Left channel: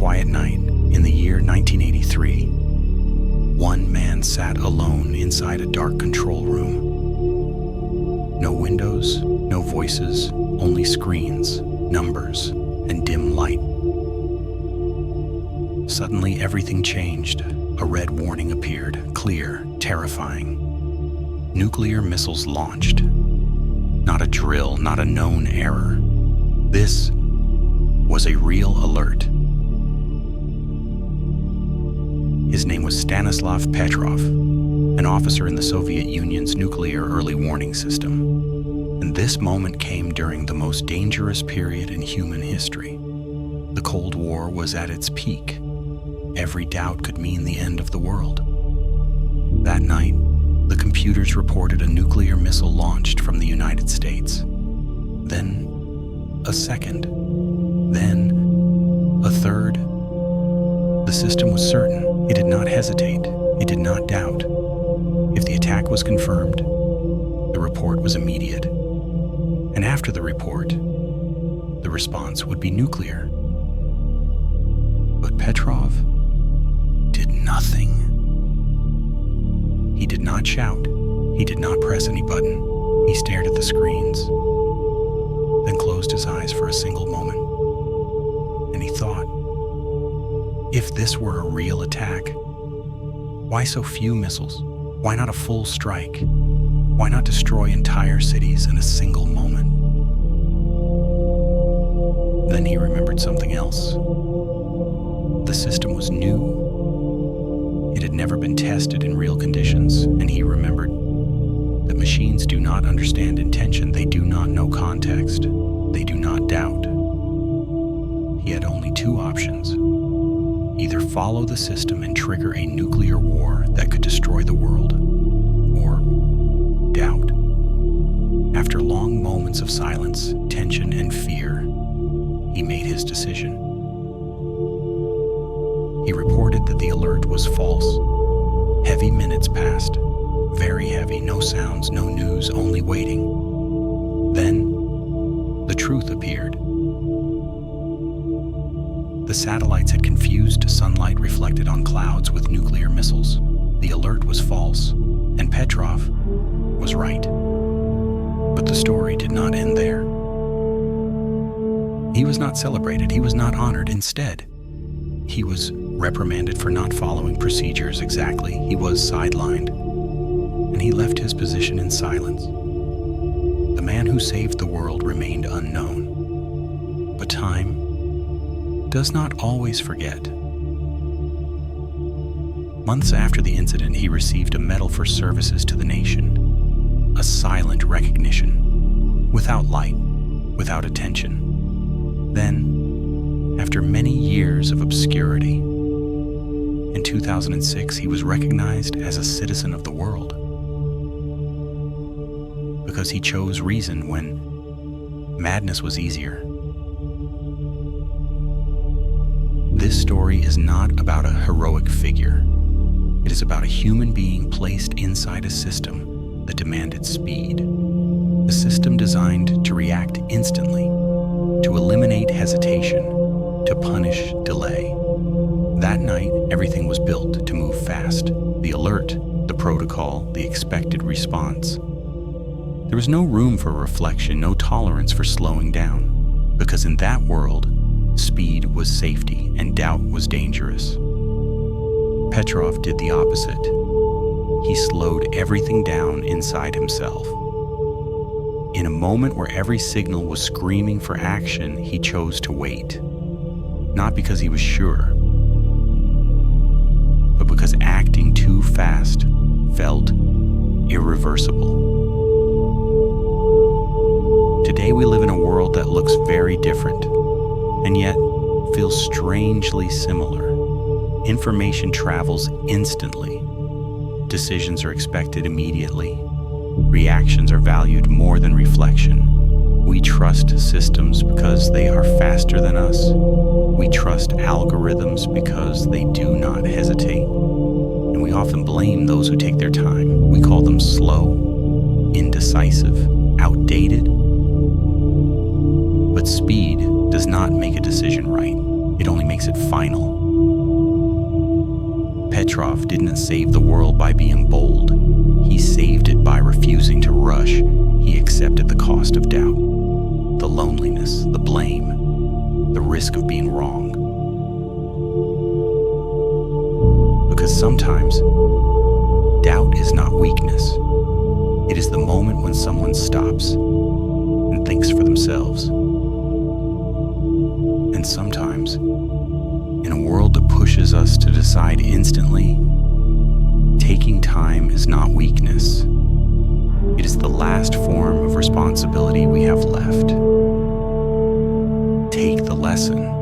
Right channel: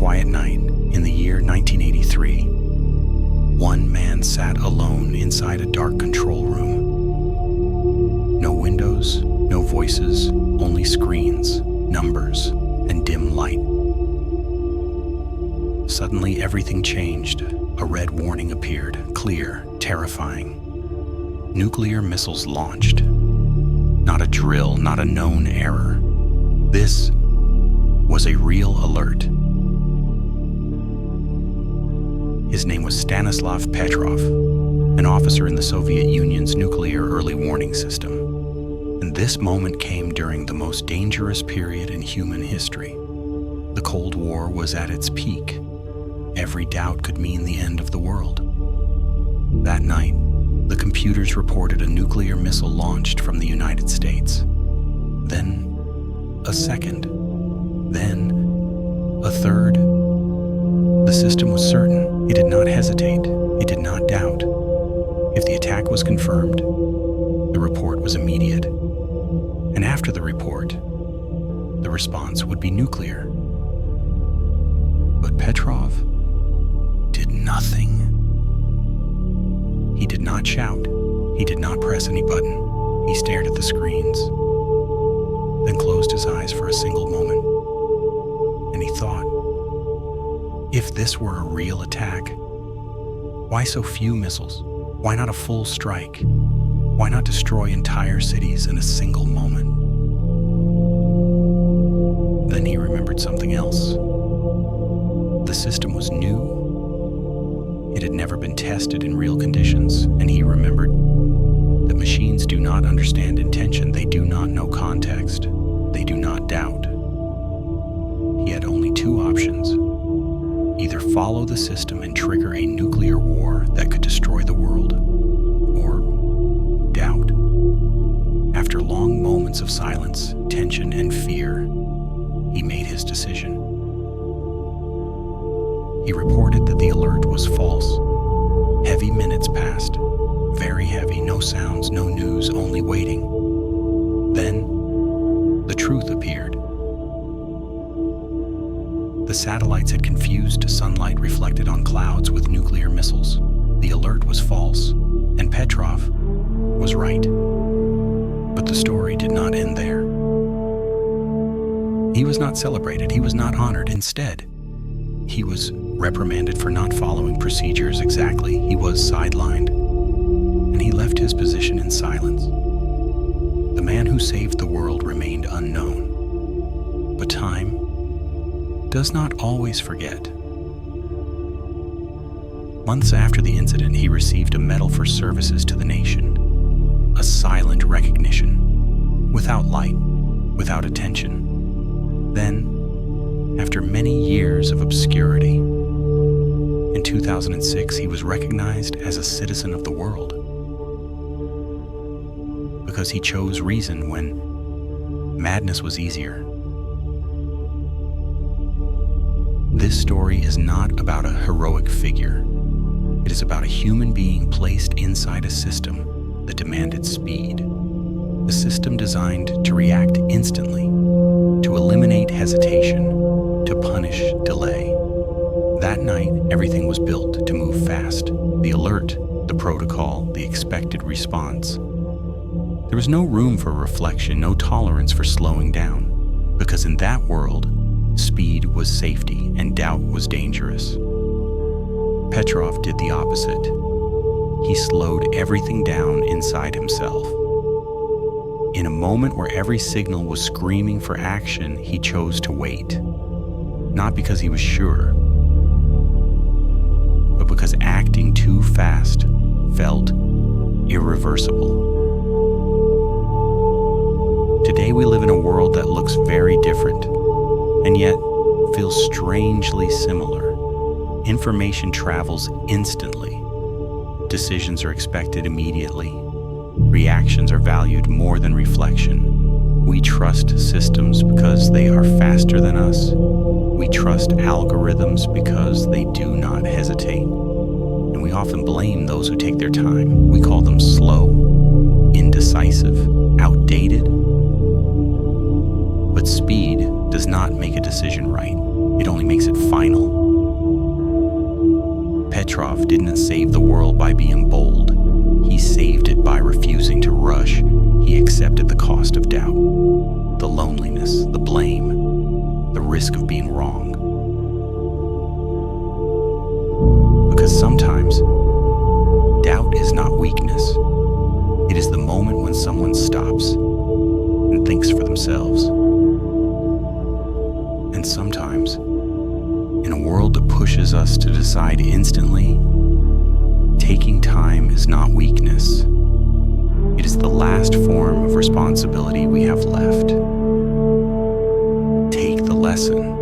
quiet night in the year 1983, one man sat alone inside a dark control room. No windows, no voices, only screens, numbers, and dim light. Suddenly, everything changed. A red warning appeared, clear, terrifying. Nuclear missiles launched. Not a drill, not a known error. This was a real alert. His name was Stanislav Petrov, an officer in the Soviet Union's nuclear early warning system. And this moment came during the most dangerous period in human history. The Cold War was at its peak. Every doubt could mean the end of the world. That night, the computers reported a nuclear missile launched from the United States. Then, a second. Then, a third. The system was certain. It did not hesitate. It did not doubt. If the attack was confirmed, the report was immediate. And after the report, the response would be nuclear. But Petrov did nothing. He did not shout. He did not press any button. He stared at the screens, then closed his eyes for a single moment. And he thought, if this were a real attack, why so few missiles? Why not a full strike? Why not destroy entire cities in a single moment? Then he remembered something else. The system was new. It had never been tested in real conditions, and he remembered that machines do not understand intention. They do not know context. They do not doubt. He had only two options. Either follow the system and trigger a nuclear war that could destroy the world, or doubt. After long moments of silence, tension, and fear, he made his decision. He reported that the alert was false. Heavy minutes passed, very heavy, no sounds, no news, only waiting. Then, the truth appeared. The satellites had confused sunlight reflected on clouds with nuclear missiles. The alert was false, and Petrov was right. But the story did not end there. He was not celebrated. He was not honored. Instead, he was reprimanded for not following procedures exactly. He was sidelined, and he left his position in silence. The man who saved the world remained unknown. But time does not always forget. Months after the incident, he received a medal for services to the nation, a silent recognition, without light, without attention. Then, after many years of obscurity, in 2006, he was recognized as a citizen of the world because he chose reason when madness was easier. This story is not about a heroic figure. It is about a human being placed inside a system that demanded speed. A system designed to react instantly, to eliminate hesitation, to punish delay. That night, everything was built to move fast. The alert, the protocol, the expected response. There was no room for reflection, no tolerance for slowing down, because in that world, speed was safety and doubt was dangerous. Petrov did the opposite. He slowed everything down inside himself. In a moment where every signal was screaming for action, he chose to wait. Not because he was sure, but because acting too fast felt irreversible. Today we live in a world that looks very different, and yet feels strangely similar. Information travels instantly. Decisions are expected immediately. Reactions are valued more than reflection. We trust systems because they are faster than us. We trust algorithms because they do not hesitate. And we often blame those who take their time. We call them slow, indecisive, outdated. But speed does not make a decision right. It only makes it final. Petrov didn't save the world by being bold. He saved it by refusing to rush. He accepted the cost of doubt, the loneliness, the blame, the risk of being wrong. Because sometimes, doubt is not weakness. It is the moment when someone stops and thinks for themselves. And sometimes, in a world that pushes us to decide instantly, taking time is not weakness. It is the last form of responsibility we have left. Take the lesson.